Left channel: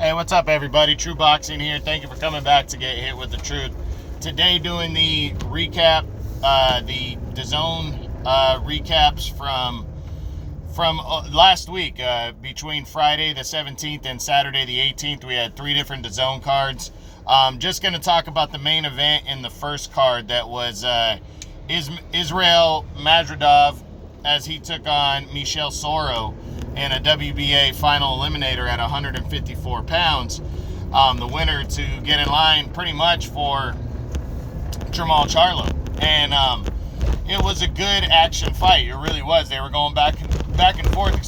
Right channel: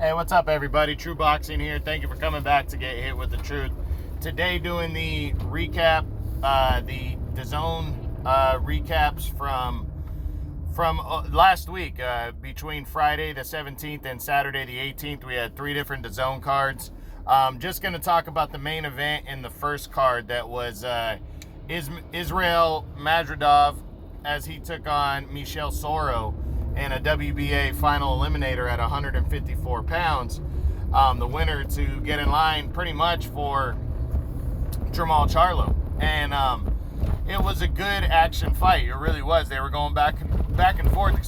Hey, what's up, everybody? True Boxing here. Thank you for coming back to Get Hit with the Truth. Today, doing the recap, the DAZN recaps from last week. Between Friday the 17th and Saturday the 18th, we had 3 different DAZN cards. Just going to talk about the main event in the first card. That was Israel Magomedov as he took on Soro in a WBA final eliminator at 154 pounds. The winner to get in line pretty much for Jamal Charlo. And it was a good action fight. It really was. They were going back and forth, and,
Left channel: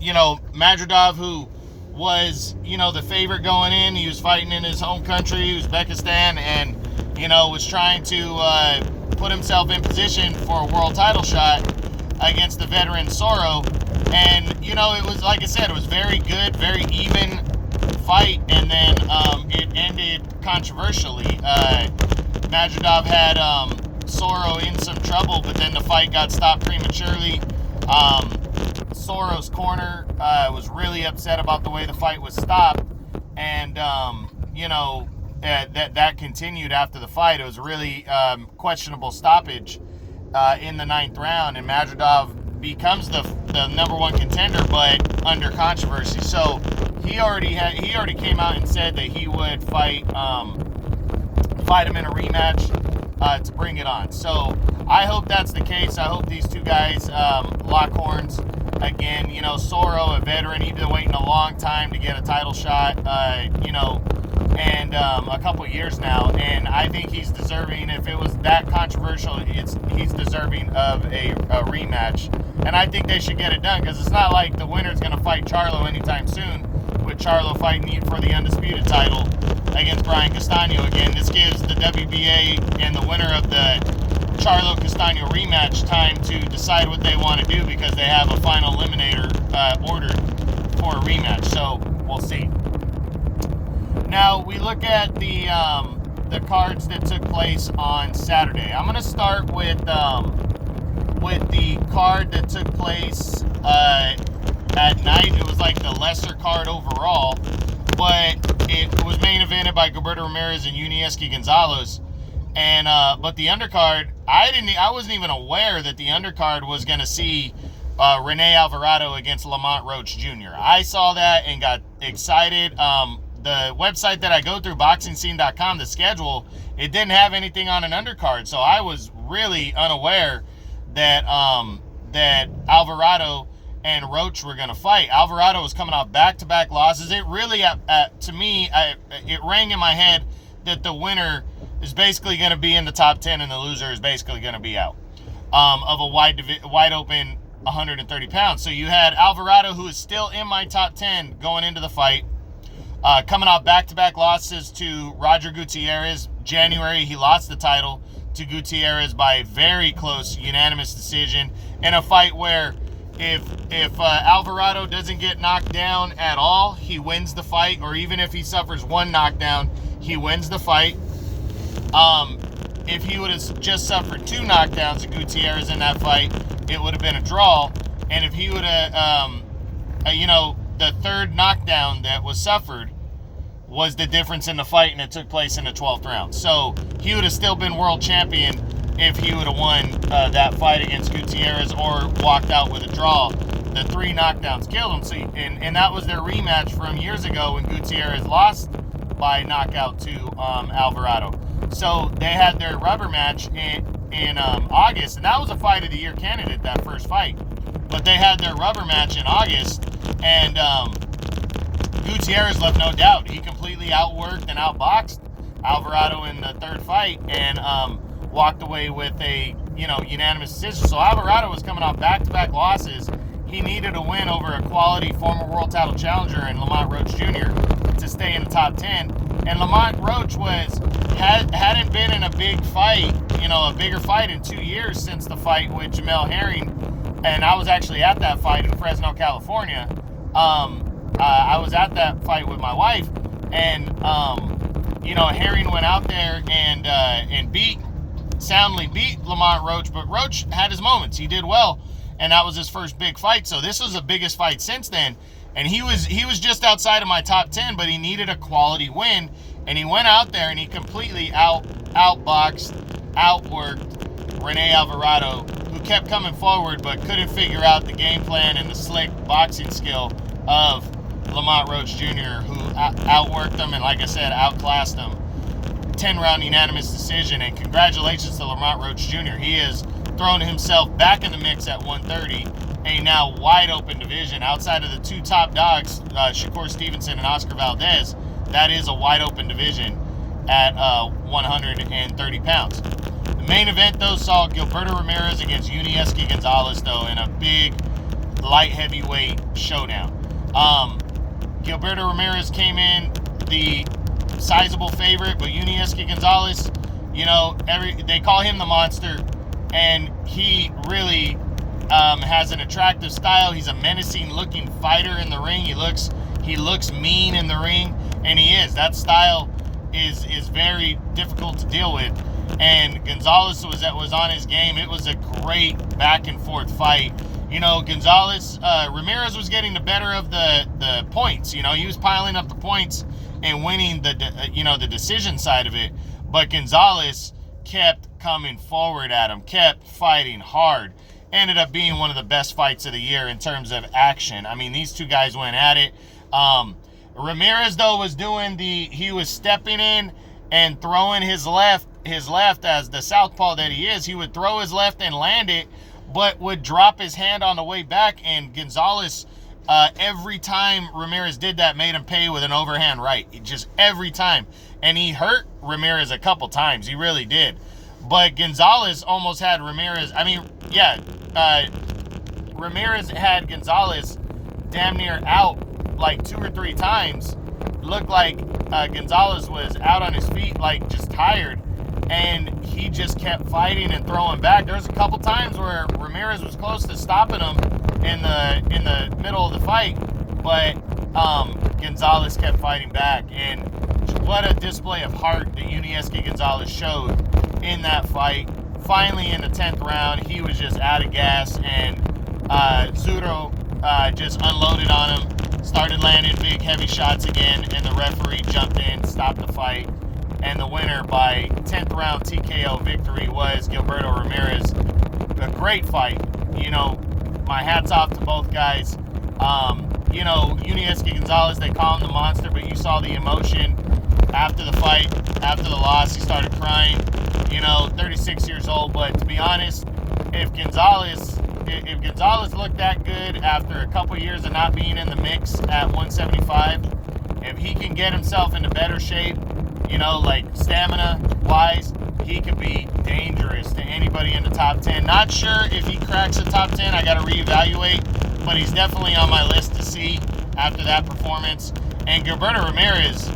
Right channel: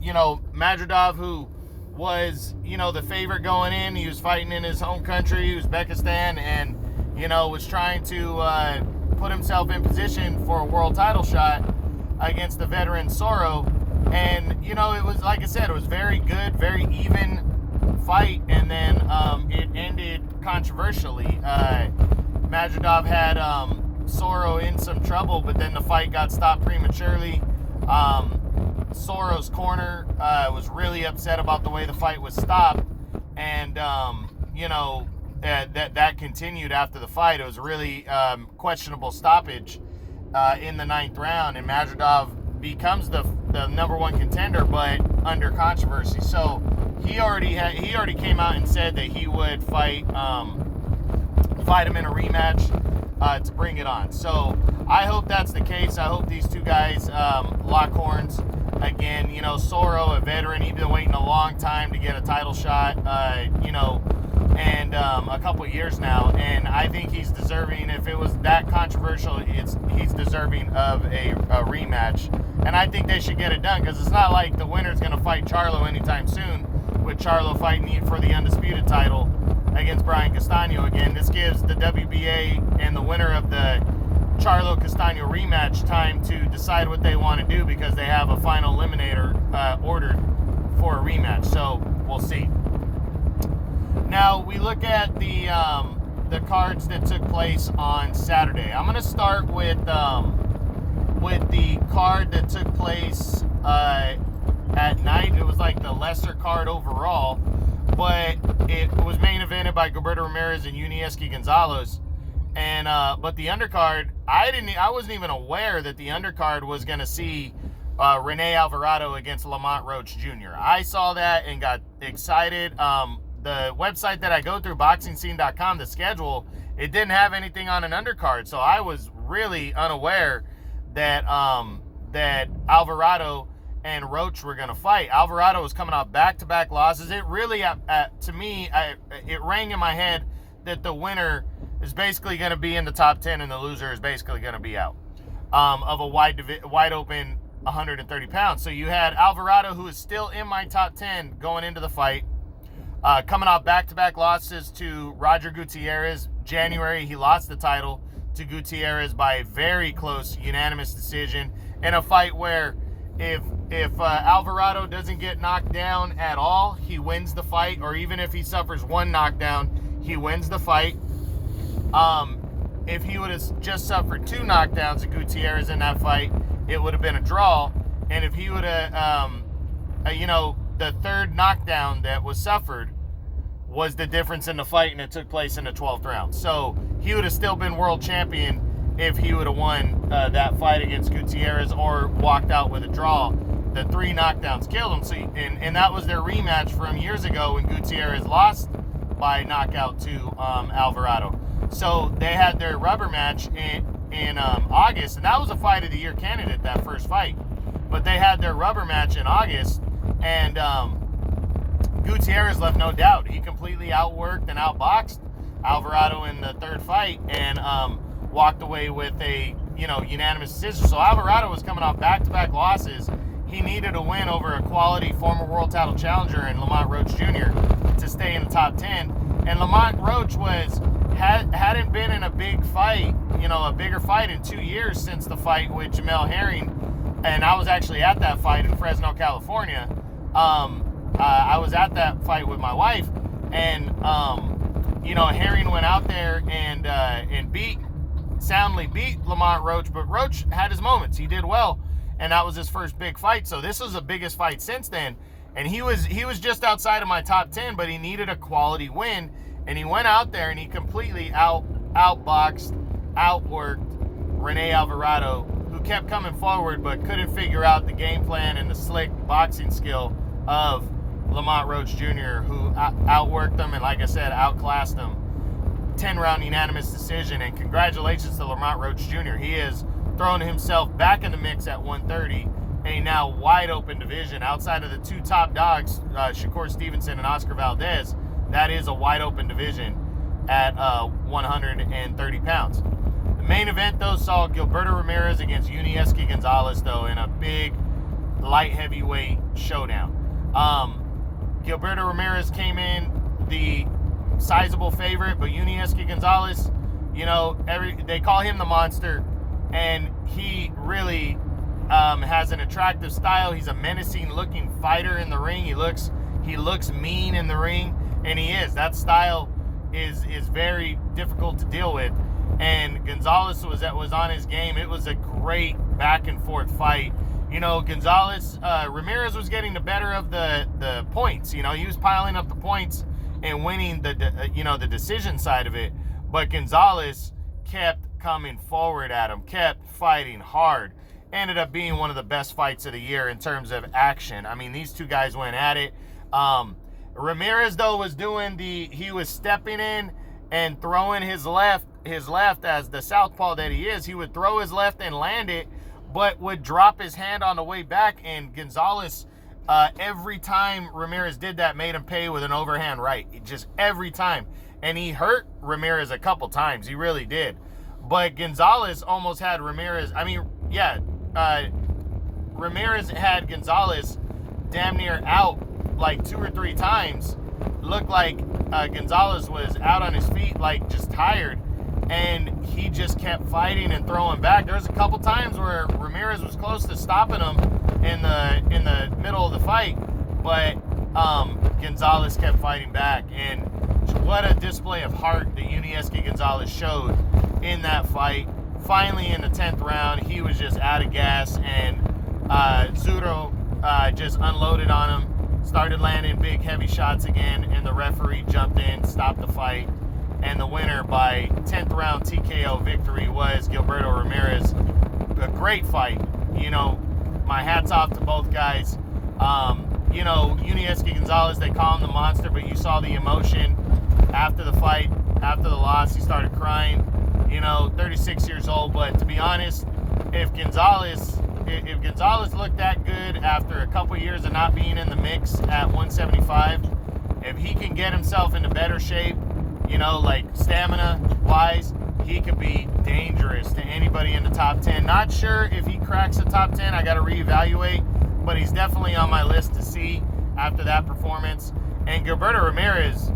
Magomedov, who was, the favorite going in, he was fighting in his home country, Uzbekistan, and, was trying to put himself in position for a world title shot against the veteran Soro. And, it was, like I said, it was very good, very even fight, and then it ended controversially. Magomedov had Soro in some trouble, but then the fight got stopped prematurely. Soro's corner was really upset about the way the fight was stopped, and that continued after the fight. It was really questionable stoppage in the 9th round, and Magomedov becomes the number 1 contender, but under controversy. So he already came out and said that he would fight him in a rematch to bring it on. So I hope that's the case. I hope these two guys lock horns again. Soro, a veteran, he's been waiting a long time to get a title shot, and a couple years now, and I think he's deserving. If it was that controversial, he's deserving of a rematch, and I think they should get it done, because it's not like the winner's going to fight Charlo anytime soon, with Charlo fighting for the undisputed title against Brian Castano again. This gives the WBA and the winner of the Charlo-Castano rematch time to decide what they want to do, because they have a final eliminator ordered for a rematch. So we'll see. Now we look at the cards that took place on Saturday. I'm going to start with the card that took place at night. It was like the lesser card overall, but it was main evented by Gilberto Ramirez and Gonzalez. And but the undercard, I wasn't even aware that the undercard was going to see Rene Alvarado against Lamont Roach Jr. I saw that and got excited. The website that I go through, boxingscene.com, the schedule, it didn't have anything on an undercard, so I was really unaware that that Alvarado and Roach were going to fight. Alvarado was coming off back-to-back losses. It really, to me, it rang in my head that the winner is basically going to be in the top 10 and the loser is basically going to be out of a wide open 130 pounds. So you had Alvarado, who is still in my top 10 going into the fight, coming off back-to-back losses to Roger Gutierrez. January, he lost the title to Gutierrez by a very close unanimous decision in a fight where if Alvarado doesn't get knocked down at all, he wins the fight, or even if he suffers 1 knockdown, he wins the fight. If he would have just suffered 2 knockdowns of Gutierrez in that fight, it would have been a draw. And if he would have, the 3rd knockdown that was suffered was the difference in the fight, and it took place in the 12th round. So he would have still been world champion if he would have won that fight against Gutierrez or walked out with a draw. The 3 knockdowns killed him. So, and that was their rematch from years ago when Gutierrez lost by knockout to Alvarado. So they had their rubber match in August, and that was a fight of the year candidate, that first fight. But they had their rubber match in August, and Gutierrez left no doubt. He completely outworked and outboxed Alvarado in the 3rd fight, and walked away with a unanimous decision. So Alvarado was coming off back-to-back losses. He needed a win over a quality former world title challenger in Lamont Roach Jr. to stay in the top 10. And Lamont Roach hadn't been in a big fight, a bigger fight in 2 years since the fight with Jamel Herring. And I was actually at that fight in Fresno, California. I was at that fight with my wife, and Herring went out there and soundly beat Lamont Roach, but Roach had his moments. He did well, and that was his first big fight. So this was the biggest fight since then. And he was just outside of my top 10, but he needed a quality win, and he went out there and he completely outboxed, outworked Rene Alvarado, who kept coming forward but couldn't figure out the game plan and the slick boxing skill of Lamont Roach Jr., who outworked him and, like I said, outclassed him. 10-round unanimous decision, and congratulations to Lamont Roach Jr. He has thrown himself back in the mix at 130, a now wide open division outside of the two top dogs, Shakur Stevenson and Oscar Valdez. That is a wide open division at 130 pounds. The main event, though, saw Gilberto Ramirez against Yunieski Gonzalez, though, in a big light heavyweight showdown. Gilberto Ramirez came in the sizable favorite, but Yunieski Gonzalez, they call him the monster, and he really has an attractive style. He's a menacing looking fighter in the ring. He looks mean in the ring, and he is. That style is very difficult to deal with, and Gonzalez was on his game. It was a great back and forth fight. Ramirez was getting the better of the points. He was piling up the points and winning the decision side of it. But Gonzalez kept coming forward at him, kept fighting hard. Ended up being one of the best fights of the year in terms of action. I mean, these two guys went at it. Ramirez, though, he was stepping in and throwing his left as the southpaw that he is. He would throw his left and land it, but would drop his hand on the way back, and Gonzalez, every time Ramirez did that, made him pay with an overhand right. Just every time. And he hurt Ramirez a couple times. He really did. But Gonzalez almost had Ramirez. Ramirez had Gonzalez damn near out like 2 or 3 times. Looked like Gonzalez was out on his feet, like just tired. And he just kept fighting and throwing back. There was a couple times where Ramirez was close to stopping him in the middle of the fight, but Gonzalez kept fighting back. And what a display of heart that Yunieski Gonzalez showed in that fight. Finally, in the 10th round, he was just out of gas, and Soro just unloaded on him, started landing big, heavy shots again, and the referee jumped in, stopped the fight. And the winner by 10th round TKO victory was Gilberto Ramirez. A great fight. My hat's off to both guys. Yunieski Gonzalez, they call him the monster, but you saw the emotion after the fight, after the loss. He started crying. 36 years old, but to be honest, if Gonzalez looked that good after a couple years of not being in the mix at 175, if he can get himself into better shape, like stamina-wise, he could be dangerous to anybody in the top 10. Not sure if he cracks the top 10. I got to reevaluate, but he's definitely on my list to see after that performance. And Gilberto Ramirez,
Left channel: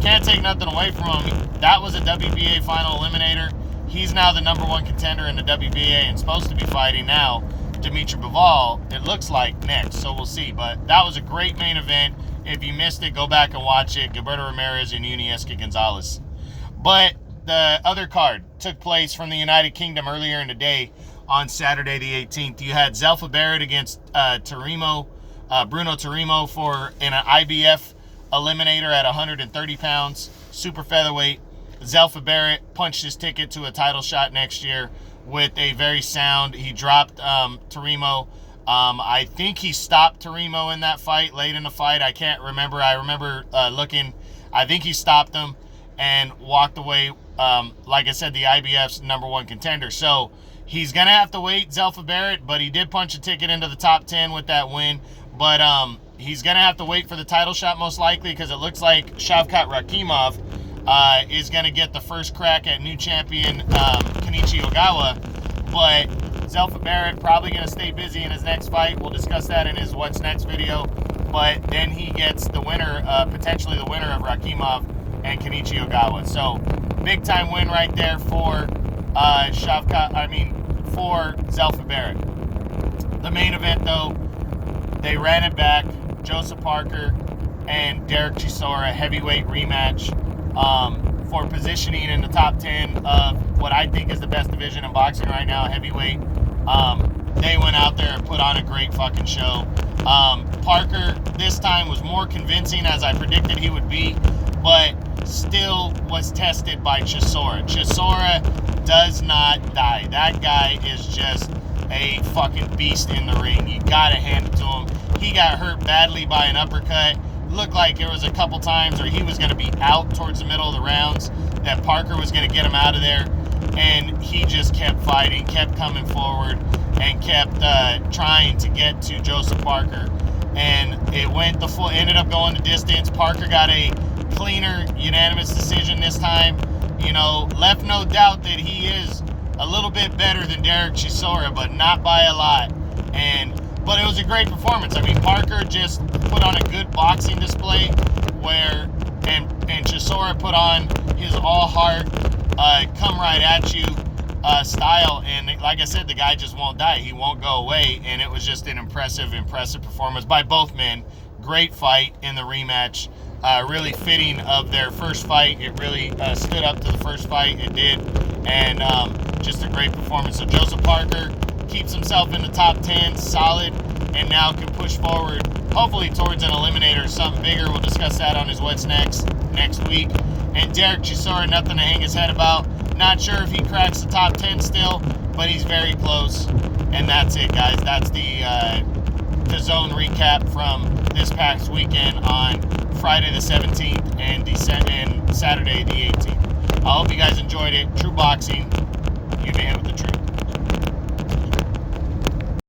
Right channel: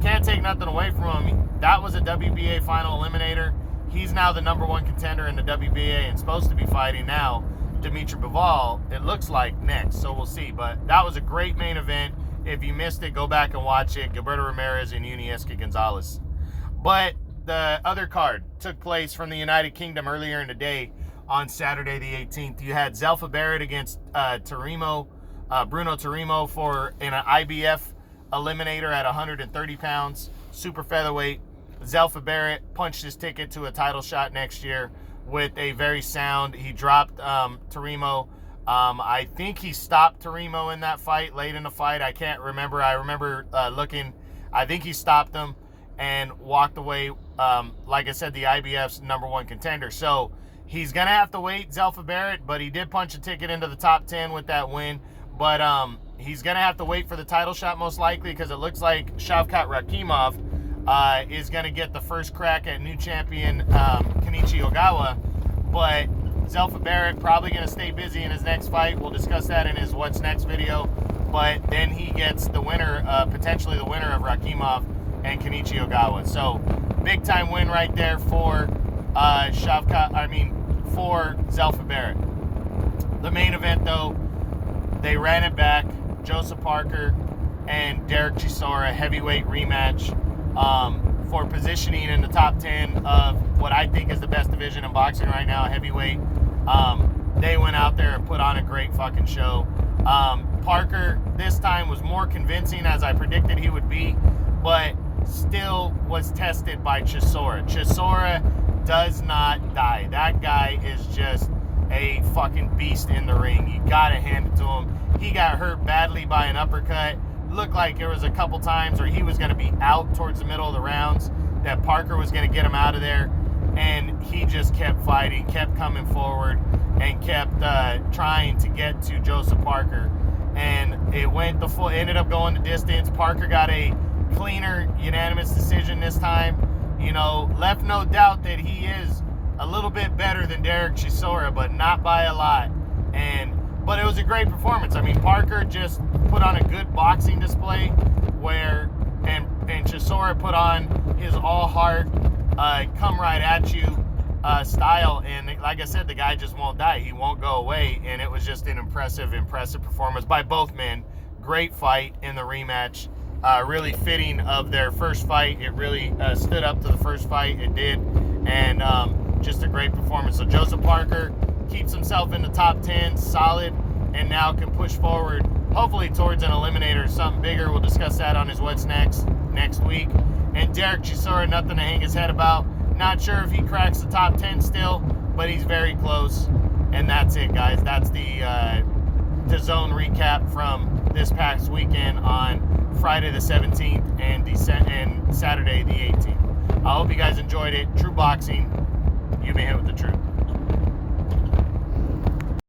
can't take nothing away from him. That was a WBA final eliminator. He's now the number 1 contender in the WBA and supposed to be fighting now Dimitri Bivol, it looks like, next. So we'll see. But that was a great main event. If you missed it, go back and watch it. Gilberto Ramirez and Yunieski Gonzalez. But the other card took place from the United Kingdom earlier in the day on Saturday the 18th. You had Zelfa Barrett against Bruno Tarimo for an IBF eliminator at 130 pounds, super featherweight. Zelfa Barrett punched his ticket to a title shot next year with a very sound. He dropped Tarimo. I think he stopped Tarimo in that fight, late in the fight. I can't remember. I remember looking. I think he stopped him and walked away. Like I said, the IBF's number 1 contender. So he's going to have to wait, Zelfa Barrett, but he did punch a ticket into the top 10 with that win. But he's going to have to wait for the title shot most likely, because it looks like Shavkat Rakhimov is going to get the first crack at new champion Kenichi Ogawa. But Zelfa Barrett probably going to stay busy in his next fight. We'll discuss that in his What's Next video. But then he gets the winner, potentially the winner of Rakhimov and Kenichi Ogawa. So big time win right there for for Zelfa Barrett. The main event, though, they ran it back. Joseph Parker and Derek Chisora, heavyweight rematch for positioning in the top 10 of what I think is the best division in boxing right now, heavyweight. They went out there and put on a great fucking show. Parker this time was more convincing, as I predicted he would be, but still was tested by Chisora. Chisora does not die. That guy is just a fucking beast in the ring. You gotta hand it to him. He got hurt badly by an uppercut. Looked like there was a couple times where he was going to be out towards the middle of the rounds, that Parker was going to get him out of there, and he just kept fighting, kept coming forward, and kept trying to get to Joseph Parker. And it ended up going the distance. Parker got a cleaner, unanimous decision this time. You know, left no doubt that he is a little bit better than Derek Chisora, but not by a lot. But it was a great performance. I mean, Parker just put on a good boxing display and Chisora put on his all-heart, come right at you style. And like I said, the guy just won't die. He won't go away. And it was just an impressive performance by both men. Great fight in the rematch. Really fitting of their first fight. It really stood up to the first fight. It did. And just a great performance. So Joseph Parker keeps himself in the top 10, solid, and now can push forward, hopefully towards an eliminator, something bigger. We'll discuss that on his What's Next week. And Derek Chisora, nothing to hang his head about. Not sure if he cracks the top 10 still, but he's very close. And that's it, guys. That's the DAZN recap from this past weekend on Friday the 17th and Saturday the 18th. I hope you guys enjoyed it. True boxing, you may hit with the truth.